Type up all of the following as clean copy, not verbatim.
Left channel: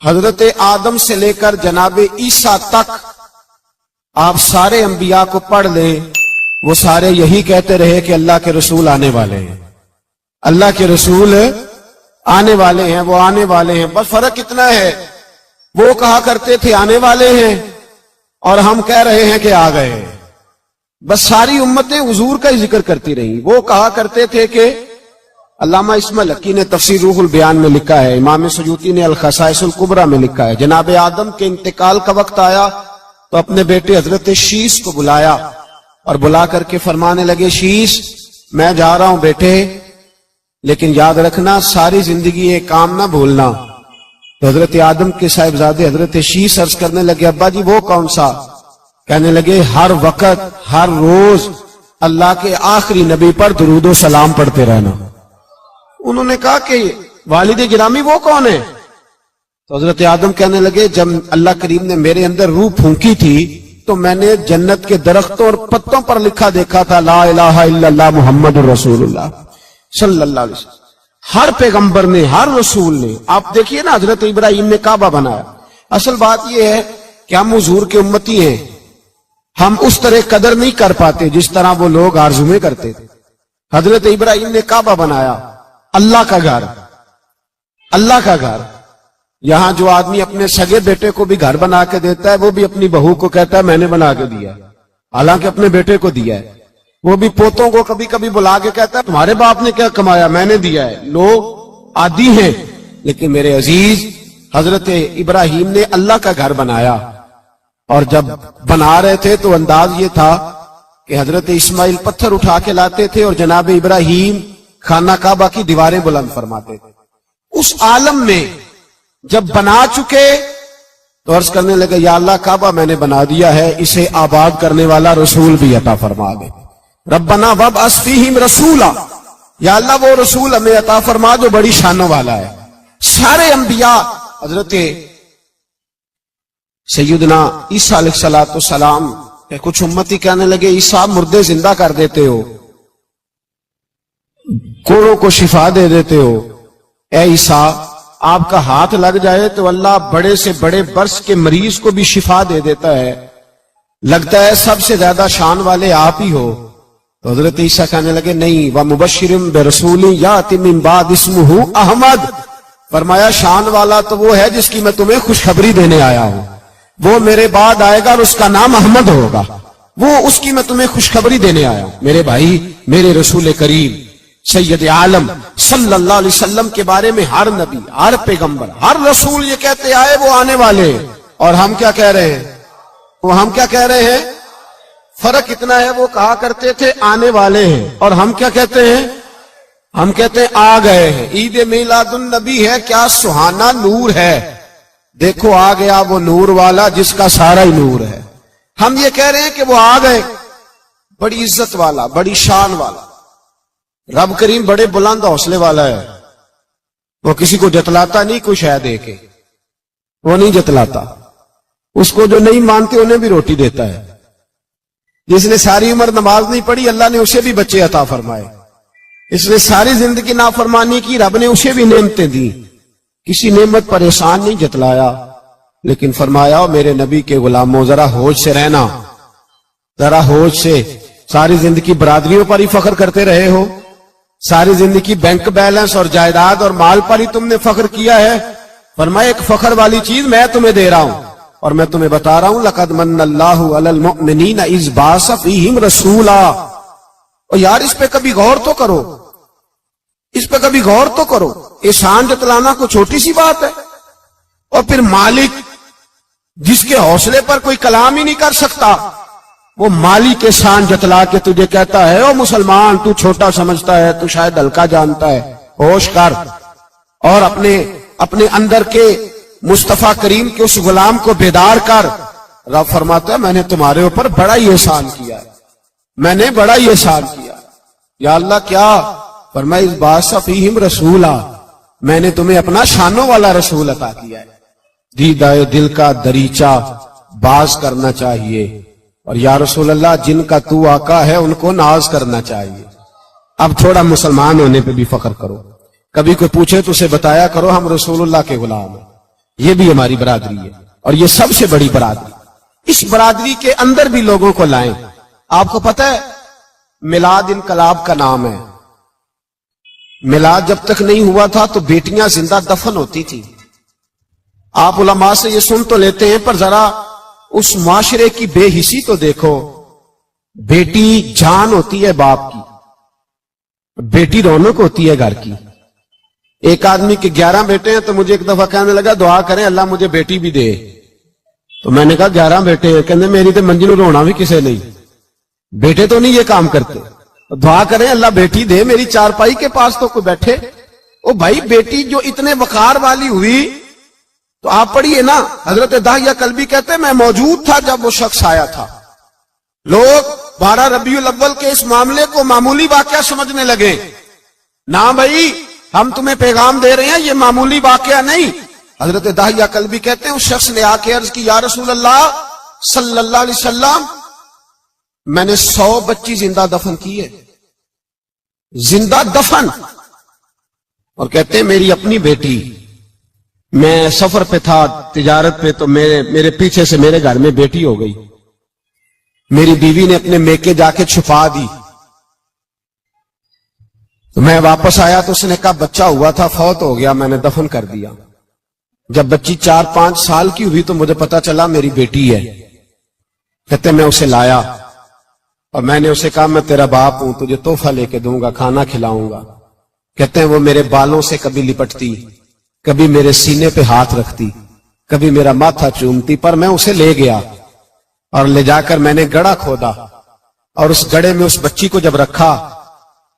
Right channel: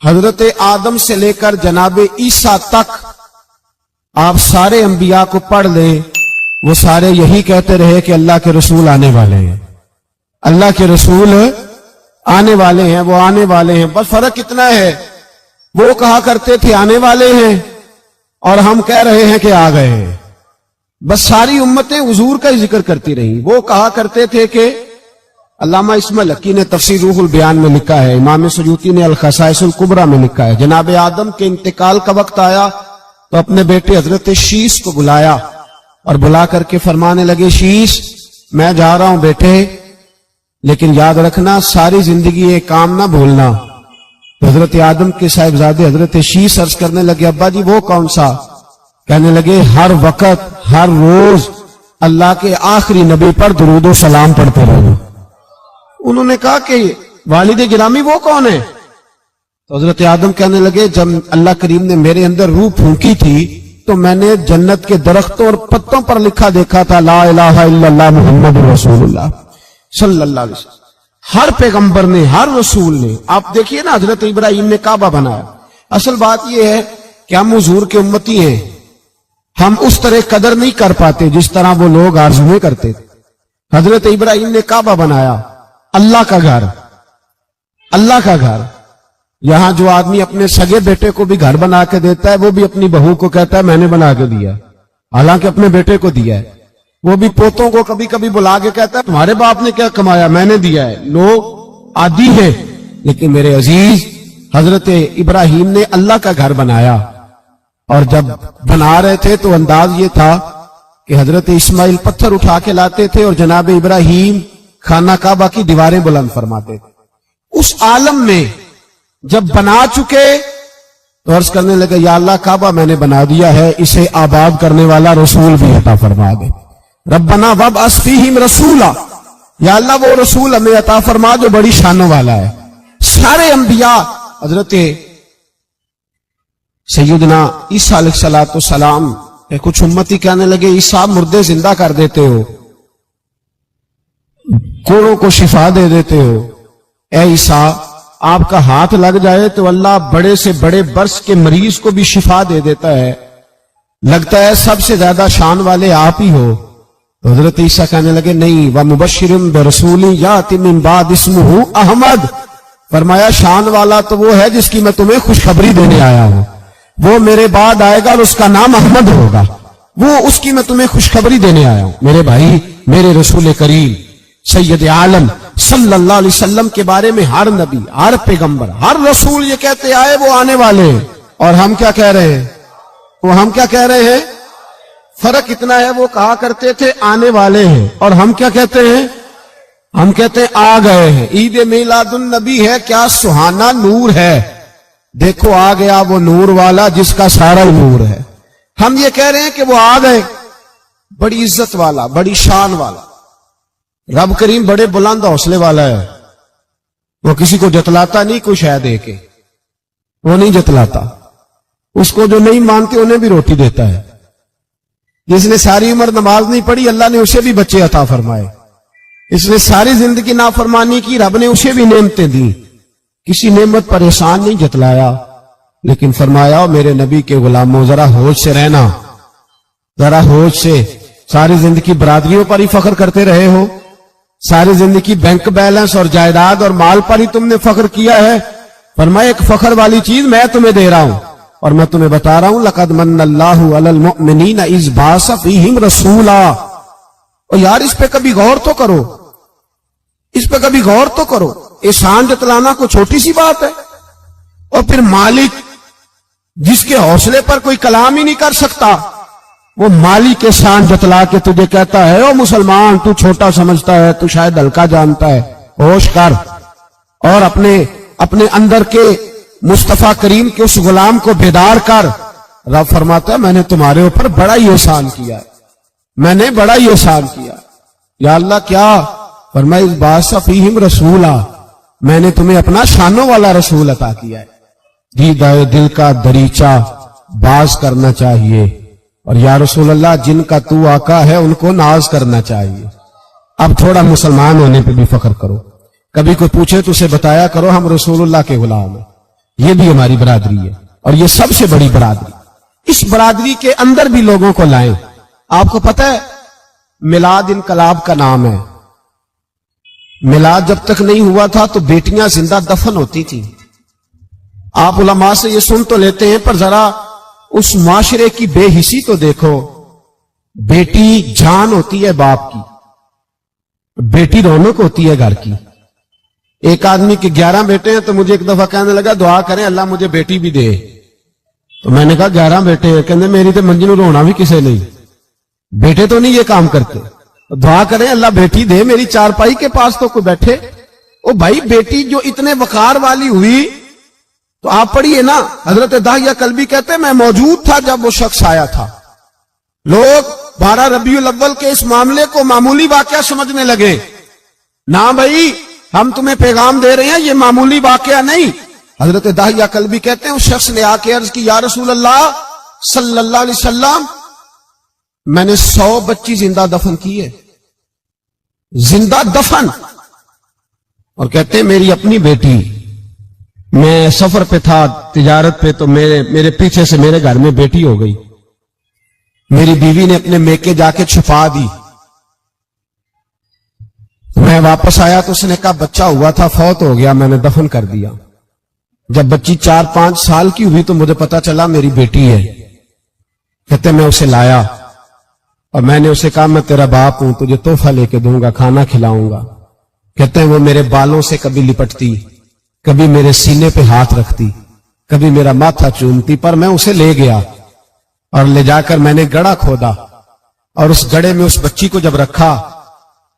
حضرت آدم سے لے کر جناب عیسیٰ تک آپ سارے انبیاء کو پڑھ لیں، وہ سارے یہی کہتے رہے کہ اللہ کے رسول آنے والے ہیں، اللہ کے رسول آنے والے ہیں، وہ آنے والے ہیں۔ بس فرق اتنا ہے، وہ کہا کرتے تھے آنے والے ہیں اور ہم کہہ رہے ہیں کہ آ گئے ہیں۔ بس ساری امتیں حضور کا ہی ذکر کرتی رہیں۔ وہ کہا کرتے تھے کہ علامہ اسماعیل حقی نے تفسیر روح البیان میں لکھا ہے، امام سیوطی نے الخصائص الکبریٰ میں لکھا ہے، جناب آدم کے انتقال کا وقت آیا تو اپنے بیٹے حضرت شیش کو بلایا اور بلا کر کے فرمانے لگے، شیش میں جا رہا ہوں بیٹے، لیکن یاد رکھنا ساری زندگی یہ کام نہ بھولنا۔ تو حضرت آدم کے صاحبزادے حضرت شیش عرض کرنے لگے، ابا جی وہ کون سا؟ کہنے لگے ہر وقت ہر روز اللہ کے آخری نبی پر درود و سلام پڑھتے رہنا۔ انہوں نے کہا کہ والد گرامی وہ کون ہے؟ تو حضرت آدم کہنے لگے، جب اللہ کریم نے میرے اندر روح پھونکی تھی تو میں نے جنت کے درختوں اور پتوں پر لکھا دیکھا تھا لا الہ الا اللہ محمد رسول اللہ صلی اللہ علیہ وسلم۔ ہر پیغمبر نے، ہر رسول نے، آپ دیکھیے نا حضرت ابراہیم نے کعبہ بنایا۔ اصل بات یہ ہے کہ ہم حضور کے امتی ہیں، ہم اس طرح قدر نہیں کر پاتے جس طرح وہ لوگ آرزویں کرتے تھے۔ حضرت ابراہیم نے کعبہ بنایا، اللہ کا گھر، اللہ کا گھر۔ یہاں جو آدمی اپنے سگے بیٹے کو بھی گھر بنا کے دیتا ہے، وہ بھی اپنی بہو کو کہتا ہے میں نے بنا کے دیا، حالانکہ اپنے بیٹے کو دیا ہے۔ وہ بھی پوتوں کو کبھی کبھی بلا کے کہتا ہے تمہارے باپ نے کیا کمایا، میں نے دیا ہے۔ لوگ عادی ہیں، لیکن میرے عزیز حضرت ابراہیم نے اللہ کا گھر بنایا، اور جب بنا رہے تھے تو انداز یہ تھا کہ حضرت اسماعیل پتھر اٹھا کے لاتے تھے اور جناب ابراہیم خانہ کعبہ کی دیواریں بلند فرماتے تھے۔ اس عالم میں جب بنا چکے تو عرض کرنے لگے یا اللہ کعبہ میں نے بنا دیا ہے، اسے آباد کرنے والا رسول بھی عطا فرما دے۔ ربنا وابعث فیہم رسولا، یا اللہ وہ رسول ہمیں عطا فرما جو بڑی شانوں والا ہے۔ سارے انبیاء حضرت سیدنا عیسیٰ علیہ السلام کہ کچھ امتی کہنے لگے عیسیٰ مردے زندہ کر دیتے ہو، کوڑوں کو شفا دے دیتے ہو، اے عیسیٰ آپ کا ہاتھ لگ جائے تو اللہ بڑے سے بڑے برس کے مریض کو بھی شفا دے دیتا ہے، لگتا ہے سب سے زیادہ شان والے آپ ہی ہو۔ تو حضرت عیسیٰ کہنے لگے نہیں، وَمُبَشِّرٌ بِرَسُولٍ يَأْتِي مِن بَعْدِهِ اسْمُهُ احمد، فرمایا شان والا تو وہ ہے جس کی میں تمہیں خوشخبری دینے آیا ہوں، وہ میرے بعد آئے گا اور اس کا نام احمد ہوگا، وہ اس کی میں تمہیں خوشخبری دینے آیا ہوں۔ میرے بھائی، میرے رسول کریم سید عالم صلی اللہ علیہ وسلم کے بارے میں ہر نبی، ہر پیغمبر، ہر رسول یہ کہتے آئے وہ آنے والے ہیں، اور ہم کیا کہہ رہے ہیں؟ ہم کیا کہہ رہے ہیں؟ فرق اتنا ہے، وہ کہا کرتے تھے آنے والے ہیں، اور ہم کیا کہتے ہیں؟ ہم کہتے ہیں آ گئے ہیں۔ عید میلاد النبی ہے، کیا سہانا نور ہے، دیکھو آ گیا وہ نور والا جس کا سارا ہی نور ہے۔ ہم یہ کہہ رہے ہیں کہ وہ آ گئے، بڑی عزت والا، بڑی شان والا۔ رب کریم بڑے بلند حوصلے والا ہے، وہ کسی کو جتلاتا نہیں کوئی شے دے کے، وہ نہیں جتلاتا، اس کو جو نہیں مانتے انہیں بھی روٹی دیتا ہے۔ جس نے ساری عمر نماز نہیں پڑھی اللہ نے اسے بھی بچے عطا فرمائے، اس نے ساری زندگی نافرمانی کی رب نے اسے بھی نعمتیں دی، کسی نعمت پر احسان نہیں جتلایا، لیکن فرمایا میرے نبی کے غلاموں ذرا ہوش سے رہنا، ذرا ہوش سے۔ ساری زندگی برادریوں پر ہی فخر کرتے رہے ہو، ساری زندگی بینک بیلنس اور جائیداد اور مال پر ہی تم نے فخر کیا ہے، فرمایا ایک فخر والی چیز میں تمہیں دے رہا ہوں، اور میں تمہیں بتا رہا ہوں لقد من اللہ علی المؤمنین اذ بعث فیہم رسولا۔ اور یار اس پہ کبھی غور تو کرو، اس پہ کبھی غور تو کرو، احسان جتلانا کوئی چھوٹی سی بات ہے؟ اور پھر مالک جس کے حوصلے پر کوئی کلام ہی نہیں کر سکتا، وہ مالک احسان جتلا کے تجھے کہتا ہے او مسلمان تو چھوٹا سمجھتا ہے، تو شاید ہلکا جانتا ہے، ہوش کر، اور اپنے اندر کے مصطفیٰ کریم کے اس غلام کو بیدار کر۔ رب فرماتا ہے میں نے تمہارے اوپر بڑا ہی احسان کیا ہے، میں نے بڑا ہی احسان کیا۔ یا اللہ کیا؟ فرمایا اذ بعث فیہم رسولا، میں نے تمہیں اپنا شانوں والا رسول عطا کیا ہے۔ دیدہ دل کا دریچہ باز کرنا چاہیے، اور یا رسول اللہ جن کا تو آقا ہے ان کو ناز کرنا چاہیے۔ اب تھوڑا مسلمان ہونے پہ بھی فخر کرو، کبھی کوئی پوچھے تو اسے بتایا کرو ہم رسول اللہ کے غلام ہیں، یہ بھی ہماری برادری ہے اور یہ سب سے بڑی برادری. اس برادری کے اندر بھی لوگوں کو لائیں. آپ کو پتہ ہے میلاد انقلاب کا نام ہے. میلاد جب تک نہیں ہوا تھا تو بیٹیاں زندہ دفن ہوتی تھی. آپ علماء سے یہ سن تو لیتے ہیں پر ذرا اس معاشرے کی بے حسی تو دیکھو. بیٹی جان ہوتی ہے باپ کی, بیٹی رونق ہوتی ہے گھر کی. ایک آدمی کے 11 بیٹے ہیں تو مجھے ایک دفعہ کہنے لگا دعا کریں اللہ مجھے بیٹی بھی دے. تو میں نے کہا 11 بیٹے ہیں, کہنے میری تو منجی نو رونا بھی کسے نہیں, بیٹے تو نہیں یہ کام کرتے. دعا کریں اللہ بیٹی دے, میری چارپائی کے پاس تو کوئی بیٹھے. او بھائی بیٹی جو اتنے وقار والی ہوئی تو آپ پڑھیے نا, حضرت داہیہ کلبی کہتے ہیں میں موجود تھا جب وہ شخص آیا تھا. لوگ 12 ربیع الاول کے اس معاملے کو معمولی واقعہ سمجھنے لگے. نہ بھائی ہم تمہیں پیغام دے رہے ہیں, یہ معمولی واقعہ نہیں. حضرت داہیہ کلبی کہتے ہیں اس شخص نے آ کے عرض کی یا رسول اللہ صلی اللہ علیہ وسلم میں نے 100 بچی زندہ دفن کی ہے, زندہ دفن. اور کہتے ہیں میری اپنی بیٹی, میں سفر پہ تھا تجارت پہ تو میرے پیچھے سے میرے گھر میں بیٹی ہو گئی. میری بیوی نے اپنے میکے جا کے چھپا دی. تو میں واپس آیا تو اس نے کہا بچہ ہوا تھا فوت ہو گیا, میں نے دفن کر دیا. جب بچی 4-5 سال کی ہوئی تو مجھے پتا چلا میری بیٹی ہے. کہتے میں اسے لایا اور میں نے اسے کہا میں تیرا باپ ہوں, تجھے تحفہ لے کے دوں گا, کھانا کھلاؤں گا. کہتے ہیں وہ میرے بالوں سے کبھی لپٹتی, کبھی میرے سینے پہ ہاتھ رکھتی, کبھی میرا ماتھا چومتی. پر میں اسے لے گیا اور لے جا کر میں نے گڑھا کھودا اور اس گڑھے میں اس بچی کو جب رکھا,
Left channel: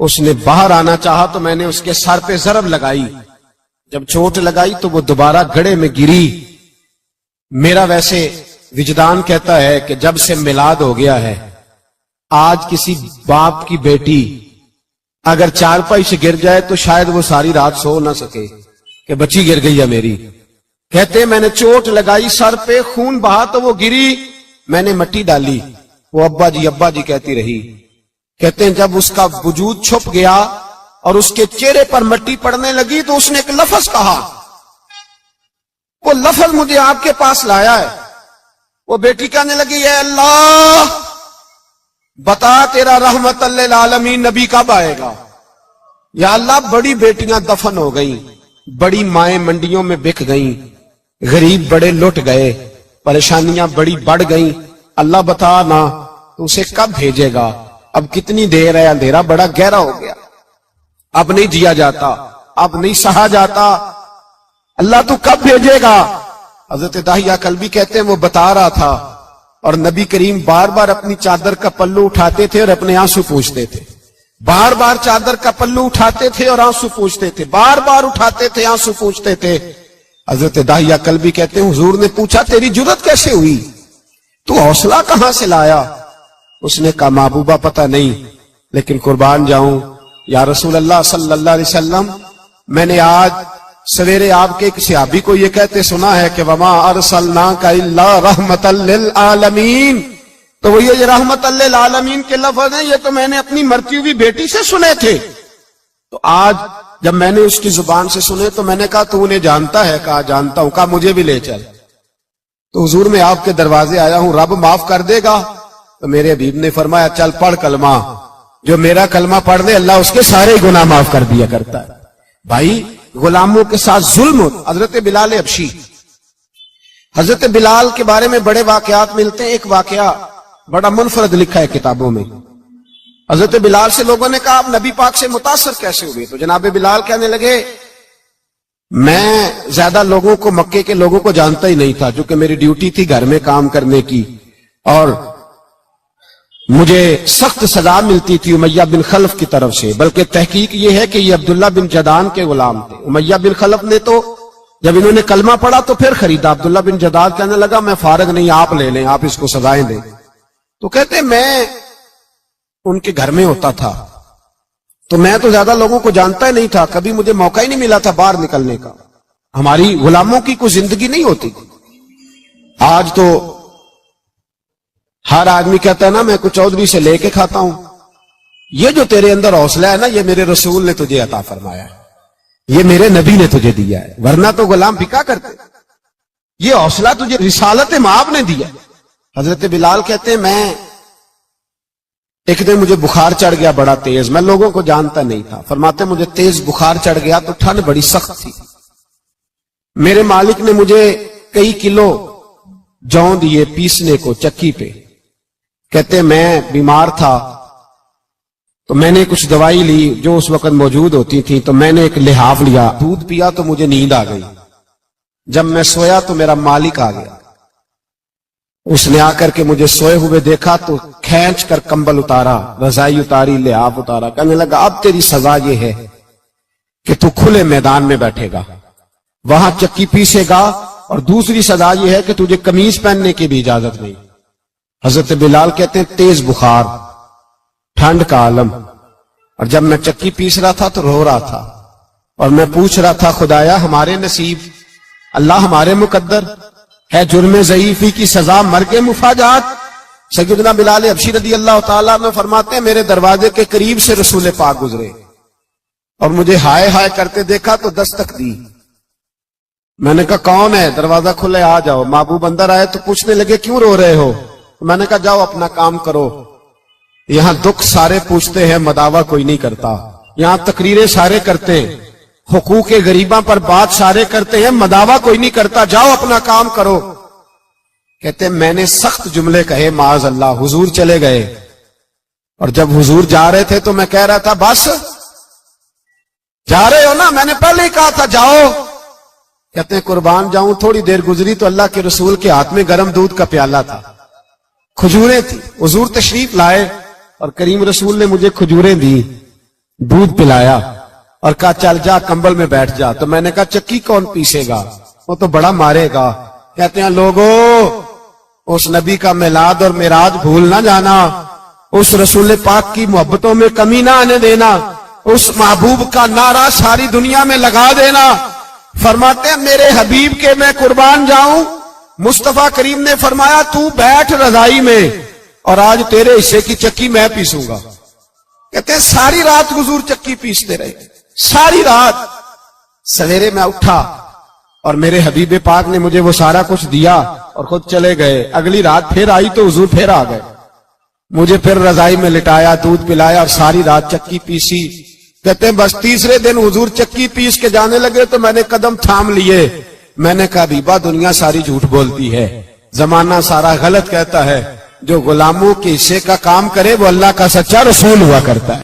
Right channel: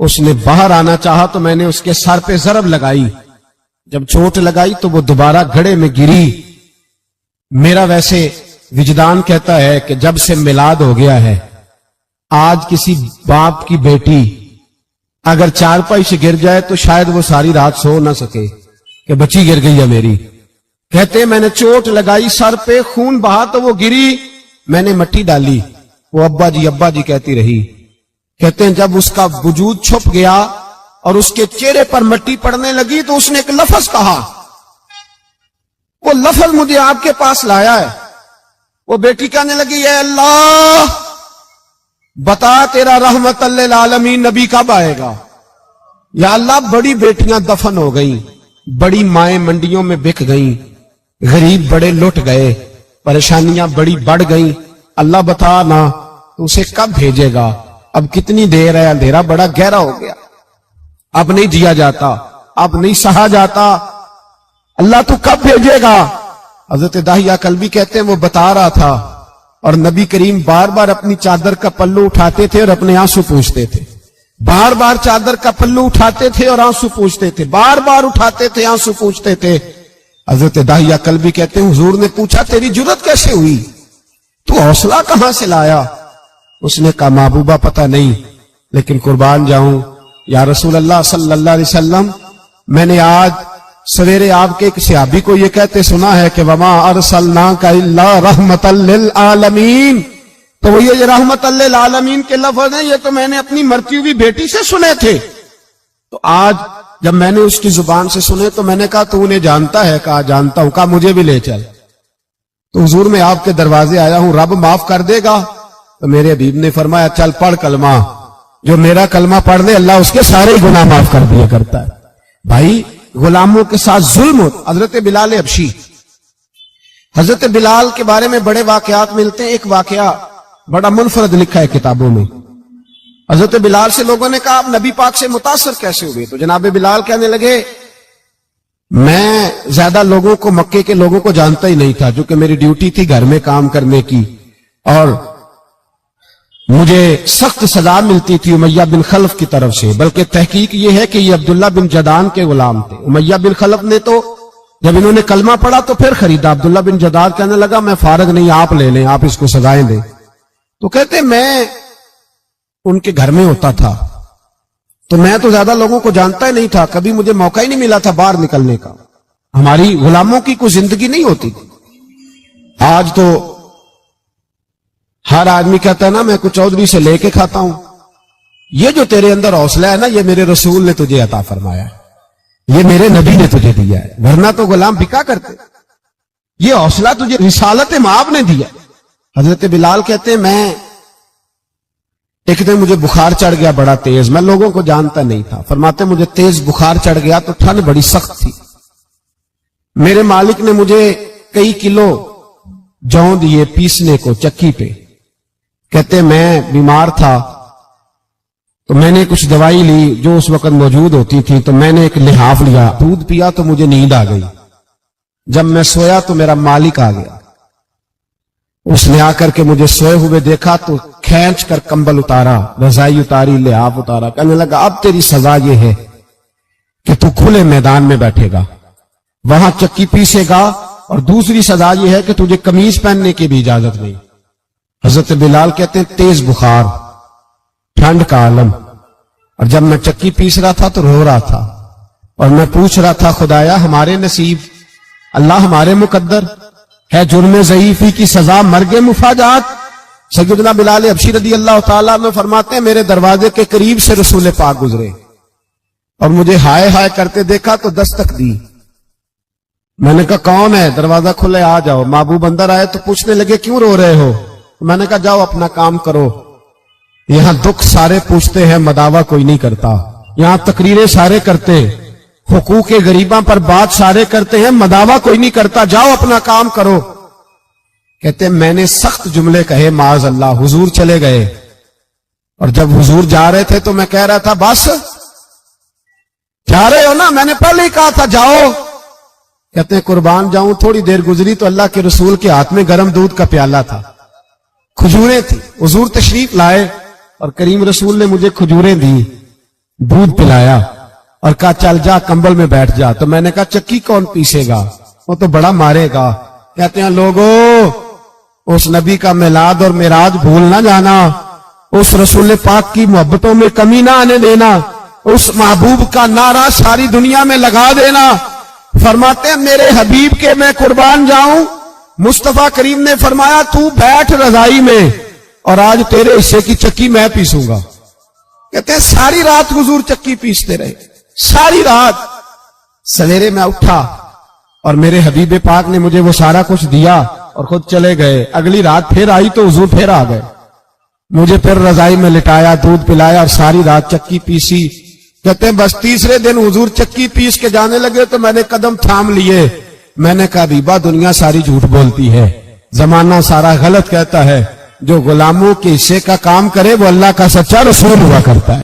اس نے باہر آنا چاہا تو میں نے اس کے سر پہ ضرب لگائی. جب چوٹ لگائی تو وہ دوبارہ گڑھے میں گری. میرا ویسے وجدان کہتا ہے کہ جب سے میلاد ہو گیا ہے آج کسی باپ کی بیٹی اگر چارپائی سے گر جائے تو شاید وہ ساری رات سو نہ سکے کہ بچی گر گئی ہے میری. کہتے ہیں میں نے چوٹ لگائی سر پہ, خون بہا تو وہ گری, میں نے مٹی ڈالی, وہ ابا جی کہتی رہی. کہتے ہیں جب اس کا وجود چھپ گیا اور اس کے چہرے پر مٹی پڑنے لگی تو اس نے ایک لفظ کہا, وہ لفظ مجھے آپ کے پاس لایا ہے. وہ بیٹی کہنے لگی اے اللہ بتا تیرا رحمت للعالمین نبی کب آئے گا. یا اللہ بڑی بیٹیاں دفن ہو گئیں, بڑی مائیں منڈیوں میں بک گئیں, غریب بڑے لٹ گئے, پریشانیاں بڑی بڑھ گئیں. اللہ بتا نا تو اسے کب بھیجے گا. اب کتنی دیر ہے, اندھیرا بڑا گہرا ہو گیا, اب نہیں جیا جاتا, اب نہیں سہا جاتا, اللہ تو کب بھیجے گا. حضرت داہیہ کلبی کہتے ہیں وہ بتا رہا تھا اور نبی کریم بار بار اپنی چادر کا پلو اٹھاتے تھے اور اپنے آنسو پوچھتے تھے. بار بار چادر کا پلو اٹھاتے تھے اور آنسو پوچھتے تھے, بار بار اٹھاتے تھے آنسو پوچھتے تھے. حضرت داہیہ کلبی کہتے ہیں حضور نے پوچھا تیری جرت کیسے ہوئی, تو حوصلہ کہاں سے لایا. اس نے کہا محبوبہ پتہ نہیں, لیکن قربان جاؤں یا رسول اللہ صلی اللہ علیہ وسلم میں نے آج سویرے آپ کے ایک صحابی کو یہ کہتے سنا ہے کہ وما ارسلناک الا رحمتا للعالمین. تو وہ یہ رحمت للعالمین کے لفظ ہیں یہ تو میں نے اپنی مرتی ہوئی بیٹی سے سنے تھے. تو آج جب میں نے اس کی زبان سے سنے تو میں نے کہا تو انہیں جانتا ہے, کہا جانتا ہوں. کہا مجھے بھی لے چل. تو حضور میں آپ کے دروازے آیا ہوں, رب معاف کر دے گا. تو میرے حبیب نے فرمایا چل پڑھ کلمہ, جو میرا کلمہ پڑھ دے اللہ اس کے سارے گناہ معاف کر دیا کرتا ہے. بھائی غلاموں کے ساتھ ظلم ہو. حضرت بلال حبشی, حضرت بلال کے بارے میں بڑے واقعات ملتے ہیں. ایک واقعہ بڑا منفرد لکھا ہے کتابوں میں. حضرت بلال سے لوگوں نے کہا آپ نبی پاک سے متاثر کیسے ہوئے. تو جناب بلال کہنے لگے میں زیادہ لوگوں کو مکے کے لوگوں کو جانتا ہی نہیں تھا, چونکہ میری ڈیوٹی تھی گھر میں کام کرنے کی اور مجھے سخت سزا ملتی تھی امیہ بن خلف کی طرف سے. بلکہ تحقیق یہ ہے کہ یہ عبداللہ بن جدان کے غلام تھے. امیہ بن خلف نے تو جب انہوں نے کلمہ پڑھا تو پھر خریدا. عبداللہ بن جدان کہنے لگا میں فارغ نہیں, آپ لے لیں, آپ اس کو سزائیں دیں. تو کہتے میں ان کے گھر میں ہوتا تھا تو میں تو زیادہ لوگوں کو جانتا ہی نہیں تھا, کبھی مجھے موقع ہی نہیں ملا تھا باہر نکلنے کا. ہماری غلاموں کی کوئی زندگی نہیں ہوتی تھی. آج تو ہر آدمی کہتا ہے نا میں کچھ چودھری سے لے کے کھاتا ہوں. یہ جو تیرے اندر حوصلہ ہے نا یہ میرے رسول نے تجھے عطا فرمایا ہے, یہ میرے نبی نے تجھے دیا ہے, ورنہ تو غلام بکا کرتے. یہ حوصلہ تجھے رسالت مآب نے دیا. حضرت بلال کہتے ہیں میں ایک دن مجھے بخار چڑھ گیا بڑا تیز, میں لوگوں کو جانتا نہیں تھا. فرماتے مجھے تیز بخار چڑھ گیا تو ٹھنڈ بڑی سخت تھی. میرے مالک نے مجھے کئی کلو جو دیے پیسنے کو چکی پہ. کہتے میں بیمار تھا تو میں نے کچھ دوائی لی جو اس وقت موجود ہوتی تھی, تو میں نے ایک لحاف لیا, دودھ پیا تو مجھے نیند آ گئی. جب میں سویا تو میرا مالک آ گیا. اس نے آ کر کے مجھے سوئے ہوئے دیکھا تو کھینچ کر کمبل اتارا, رضائی اتاری, لحاف اتارا. کہنے لگا اب تیری سزا یہ ہے کہ تو کھلے میدان میں بیٹھے گا, وہاں چکی پیسے گا, اور دوسری سزا یہ ہے کہ تجھے قمیض پہننے کی بھی اجازت نہیں. حضرت بلال کہتے ہیں تیز بخار, ٹھنڈ کا عالم, اور جب میں چکی پیس رہا تھا تو رو رہا تھا, اور میں پوچھ رہا تھا خدایا ہمارے نصیب, اللہ ہمارے مقدر ہے جرم ضعیفی کی سزا مرگ مفاجات. سیدنا بلال حبشی رضی اللہ تعالیٰ عنہ فرماتے ہیں میرے دروازے کے قریب سے رسول پاک گزرے اور مجھے ہائے ہائے کرتے دیکھا تو دستک دی. میں نے کہا کون ہے؟ دروازہ کھلے آ جاؤ. محبوب اندر آئے تو پوچھنے لگے کیوں رو رہے ہو؟ میں نے کہا جاؤ اپنا کام کرو, یہاں دکھ سارے پوچھتے ہیں مداوا کوئی نہیں کرتا, یہاں تقریریں سارے کرتے ہیں, حقوق غریباں پر بات سارے کرتے ہیں, مداوا کوئی نہیں کرتا, جاؤ اپنا کام کرو. کہتے ہیں میں نے سخت جملے کہے معاذ اللہ. حضور چلے گئے, اور جب حضور جا رہے تھے تو میں کہہ رہا تھا بس جا رہے ہو نا, میں نے پہلے ہی کہا تھا جاؤ. کہتے ہیں قربان جاؤں, تھوڑی دیر گزری تو اللہ کے رسول کے ہاتھ میں گرم دودھ کا پیالہ تھا, کھجوریں تھی. حضور تشریف لائے اور کریم رسول نے مجھے کھجوریں دی, دودھ پلایا اور کہا چل جا کمبل میں بیٹھ جا. تو میں نے کہا چکی کون پیسے گا, وہ تو بڑا مارے گا. کہتے ہیں لوگو اس نبی کا میلاد اور معراج بھول نہ جانا, اس رسول پاک کی محبتوں میں کمی نہ آنے دینا, اس محبوب کا نعرہ ساری دنیا میں لگا دینا. فرماتے ہیں میرے حبیب کے میں قربان جاؤں, مصطفیٰ کریم نے فرمایا تو بیٹھ رضائی میں اور آج تیرے حصے کی چکی میں پیسوں گا. کہتے ہیں ساری رات حضور چکی پیستے رہے, ساری رات. سویرے میں اٹھا اور میرے حبیب پاک نے مجھے وہ سارا کچھ دیا اور خود چلے گئے. اگلی رات پھر آئی تو حضور پھر آ گئے, مجھے پھر رضائی میں لٹایا, دودھ پلایا اور ساری رات چکی پیسی. کہتے ہیں بس تیسرے دن حضور چکی پیس کے جانے لگے تو میں نے قدم تھام لیے. میں نے کہا بیبا دنیا ساری جھوٹ بولتی ہے, زمانہ سارا غلط کہتا ہے, جو غلاموں کے حصے کا کام کرے وہ اللہ کا سچا رسول ہوا کرتا ہے.